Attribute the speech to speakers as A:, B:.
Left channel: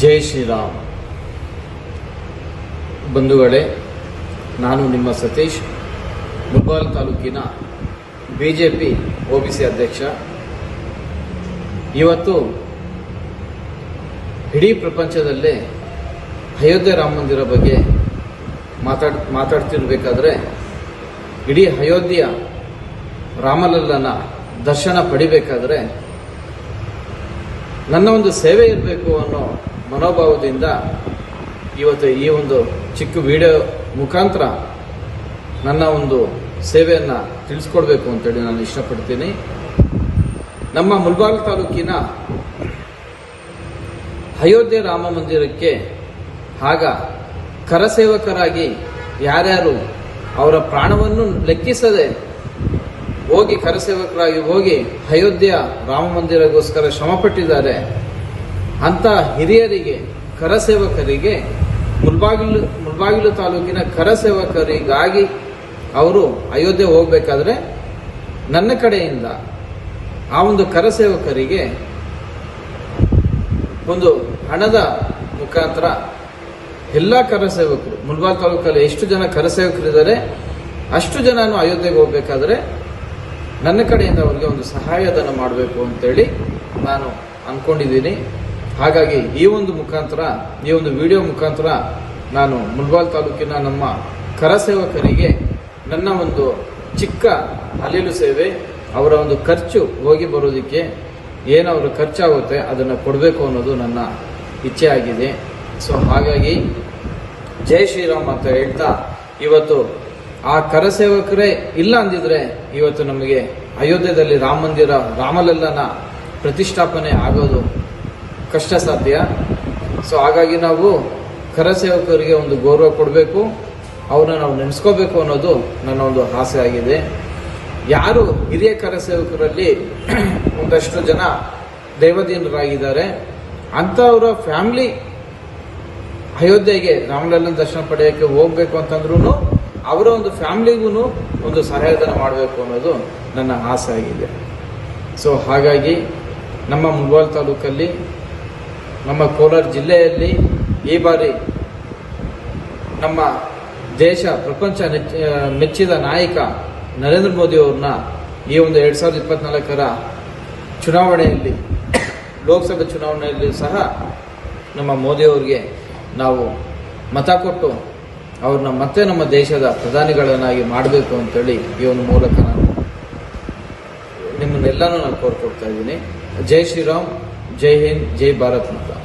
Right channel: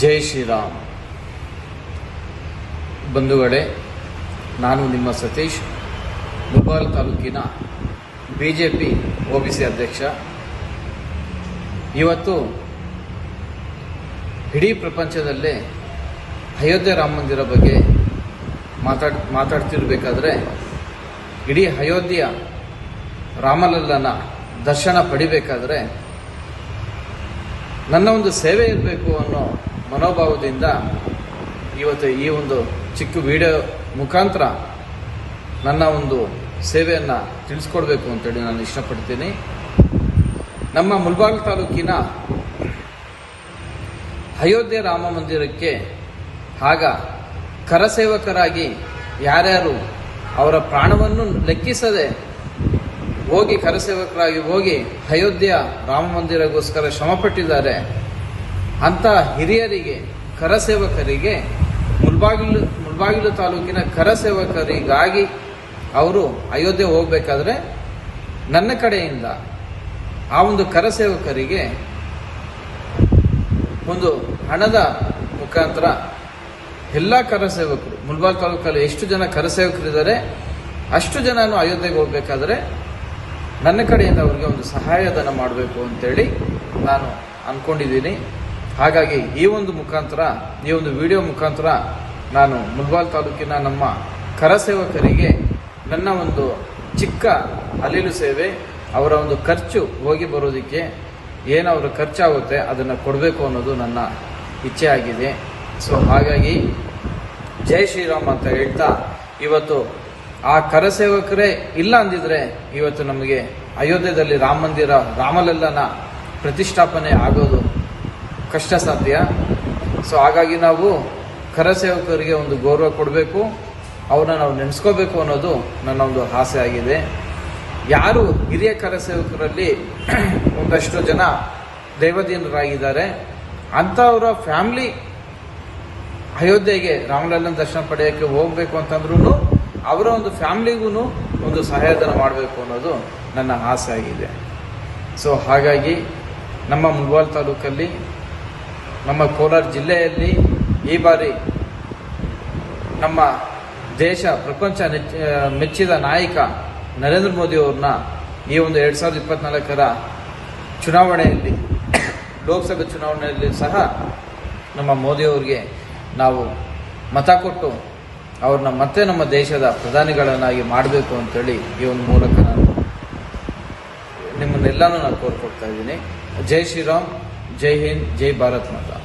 A: ಜೈ ಶ್ರೀರಾಮ್. ಬಂಧುಗಳೇ, ನಾನು ನಿಮ್ಮ ಸತೀಶ್. ಮುಬಾಲ್ ತಾಲೂಕಿನ ಬಿಜೆಪಿ ಸಿ ಅಧ್ಯಕ್ಷ. ಇವತ್ತು ಇಡೀ ಪ್ರಪಂಚದಲ್ಲೇ ಅಯೋಧ್ಯೆ ರಾಮ ಮಂದಿರ ಬಗ್ಗೆ ಮಾತಾಡ್, ಮಾತಾಡ್ತಿರ್ಬೇಕಾದ್ರೆ ಇಡೀ ಅಯೋಧ್ಯೆಯ ರಾಮಲಲ್ಲನ ದರ್ಶನ ಪಡಿಬೇಕಾದ್ರೆ ನನ್ನ ಒಂದು ಸೇವೆ ಇರಬೇಕು ಅನ್ನೋ ಮನೋಭಾವದಿಂದ ಇವತ್ತು ಈ ಒಂದು ಚಿಕ್ಕ ವಿಡಿಯೋ ಮುಖಾಂತರ ನನ್ನ ಒಂದು ಸೇವೆಯನ್ನು ತಿಳಿಸ್ಕೊಡ್ಬೇಕು ಅಂತೇಳಿ ನಾನು ಇಷ್ಟಪಡ್ತೀನಿ. ನಮ್ಮ ಮುಲ್ಬಾಗ್ ತಾಲೂಕಿನ ಅಯೋಧ್ಯೆ ರಾಮ ಮಂದಿರಕ್ಕೆ ಆಗ ಕರಸೇವಕರಾಗಿ ಯಾರ್ಯಾರು ಅವರ ಪ್ರಾಣವನ್ನು ಲೆಕ್ಕಿಸದೆ ಹೋಗಿ ಕರಸೇವಕರಾಗಿ ಹೋಗಿ ಅಯೋಧ್ಯೆಯ ರಾಮ ಮಂದಿರಗೋಸ್ಕರ ಶ್ರಮಪಟ್ಟಿದ್ದಾರೆ ಅಂತ ಹಿರಿಯರಿಗೆ, ಕರಸೇವಕರಿಗೆ, ಮುಲ್ಬಾಗಿಲು ಮುಲ್ಬಾಗಿಲು ತಾಲೂಕಿನ ಕರಸೇವಕರಿಗಾಗಿ ಅವರು ಅಯೋಧ್ಯೆ ಹೋಗಬೇಕಾದ್ರೆ ನನ್ನ ಕಡೆಯಿಂದ ಆ ಒಂದು ಕರಸೇವಕರಿಗೆ ಒಂದು ಹಣದ ಮುಖಾಂತರ ಎಲ್ಲ ಕರಸೇವಕರು ಮುಲ್ಬಾಲ್ ತಾಲೂಕಲ್ಲಿ ಎಷ್ಟು ಜನ ಕರಸೇವಕರಿದ್ದಾರೆ, ಅಷ್ಟು ಜನನು ಅಯೋಧ್ಯೆಗೆ ಹೋಗ್ಬೇಕಾದ್ರೆ ನನ್ನ ಕಡೆಯಿಂದ ಅವರಿಗೆ ಒಂದು ಸಹಾಯಧನ ಮಾಡಬೇಕು ಅಂತೇಳಿ ನಾನು ಅಂದ್ಕೊಂಡಿದ್ದೀನಿ ಹಾಗಾಗಿ ಈ ಒಂದು ಮುಖಾಂತರ, ಈ ಒಂದು ವಿಡಿಯೋ ಮುಖಾಂತರ ನಾನು ಮುಲ್ಬಾಲ್ ತಾಲೂಕಿನ ನಮ್ಮ ಕರಸೇವಕರಿಗೆ ನನ್ನ ಒಂದು ಚಿಕ್ಕ ಅಲಿಲು ಸೇವೆ, ಅವರ ಒಂದು ಖರ್ಚು ಹೋಗಿ ಬರೋದಕ್ಕೆ ಏನು ಖರ್ಚಾಗುತ್ತೆ ಅದನ್ನು ಕೊಡಬೇಕು ಅನ್ನೋದು ನನ್ನ ಇಚ್ಛೆ ಆಗಿದೆ. ಸೊ ಹಾಗಾಗಿ ಜೈ ಶ್ರೀರಾಮ್ ಅಂತ ಹೇಳ್ತಾ ಇವತ್ತು ಆ ಕರಸೇವಕರೇ ಇಲ್ಲ ಅಂದಿದ್ರೆ ಇವತ್ತು ನಮಗೆ ಅಯೋಧ್ಯೆಯಲ್ಲಿ ರಾಮ ಮಂದಿರ, ರಾಮಲಲ್ಲನ ಪ್ರತಿಷ್ಠಾಪನೆ ಆಗೋದು ಕಷ್ಟ ಸಾಧ್ಯ. ಸೊ ಹಾಗಾಗಿ ನಾವು ಕರಸೇವಕರಿಗೆ ಒಂದು ಗೌರವ ಕೊಡಬೇಕು, ಅವ್ರನ್ನ ನಾವು ನೆನೆಸ್ಕೋಬೇಕು ಅನ್ನೋದು ನನ್ನ ಒಂದು ಆಸೆ ಆಗಿದೆ. ಯಾರು ಹಿರಿಯ ಕರಸೇವಕರಲ್ಲಿ ಒಂದಷ್ಟು ಜನ ದೈವದೀನರಾಗಿದ್ದಾರೆ, ಅಂಥವರ ಫ್ಯಾಮಿಲಿ ಅಯೋಧ್ಯೆಗೆ ರಾಮಲಲ್ಲನ ದರ್ಶನ ಪಡೆಯೋಕ್ಕೆ ಹೋಗ್ಬೇಕು ಅಂತಂದ್ರೂ ಅವರ ಒಂದು ಫ್ಯಾಮಿಲಿಗೂ ಒಂದು ಸಹಾಯಧನ ಮಾಡಬೇಕು ಅನ್ನೋದು ನನ್ನ ಆಸೆ ಆಗಿದೆ. ಸೊ ಹಾಗಾಗಿ ನಮ್ಮ ಮುಲ್ವಾಲ್ ತಾಲೂಕಲ್ಲಿ, ನಮ್ಮ ಕೋಲಾರ ಜಿಲ್ಲೆಯಲ್ಲಿ ಈ ಬಾರಿ ನಮ್ಮ ದೇಶ, ಪ್ರಪಂಚ ಮೆಚ್ಚಿದ ನಾಯಕ ನರೇಂದ್ರ ಮೋದಿ ಅವ್ರನ್ನ ಈ ಒಂದು ಎರಡ್ ಸಾವಿರದ ಇಪ್ಪತ್ನಾಲ್ಕರ ಚುನಾವಣೆಯಲ್ಲಿ, ಲೋಕಸಭೆ ಚುನಾವಣೆಯಲ್ಲಿ ಸಹ ನಮ್ಮ ಮೋದಿ ಅವರಿಗೆ ನಾವು ಮತ ಕೊಟ್ಟು ಅವ್ರನ್ನ ಮತ್ತೆ ನಮ್ಮ ದೇಶದ ಪ್ರಧಾನಿಗಳನ್ನಾಗಿ ಮಾಡಬೇಕು ಅಂತೇಳಿ ಈ ಒಂದು ಮೂಲಕ ನಾನು ನಿಮ್ಮನ್ನೆಲ್ಲಾನು ನಾನು ಕೋರ್ಕೊಡ್ತಾ ಇದ್ದೀನಿ. ಜೈ ಶ್ರೀರಾಮ್, ಜೈ ಹಿಂದ್, ಜೈ ಭಾರತ್ ಮಾತಾ.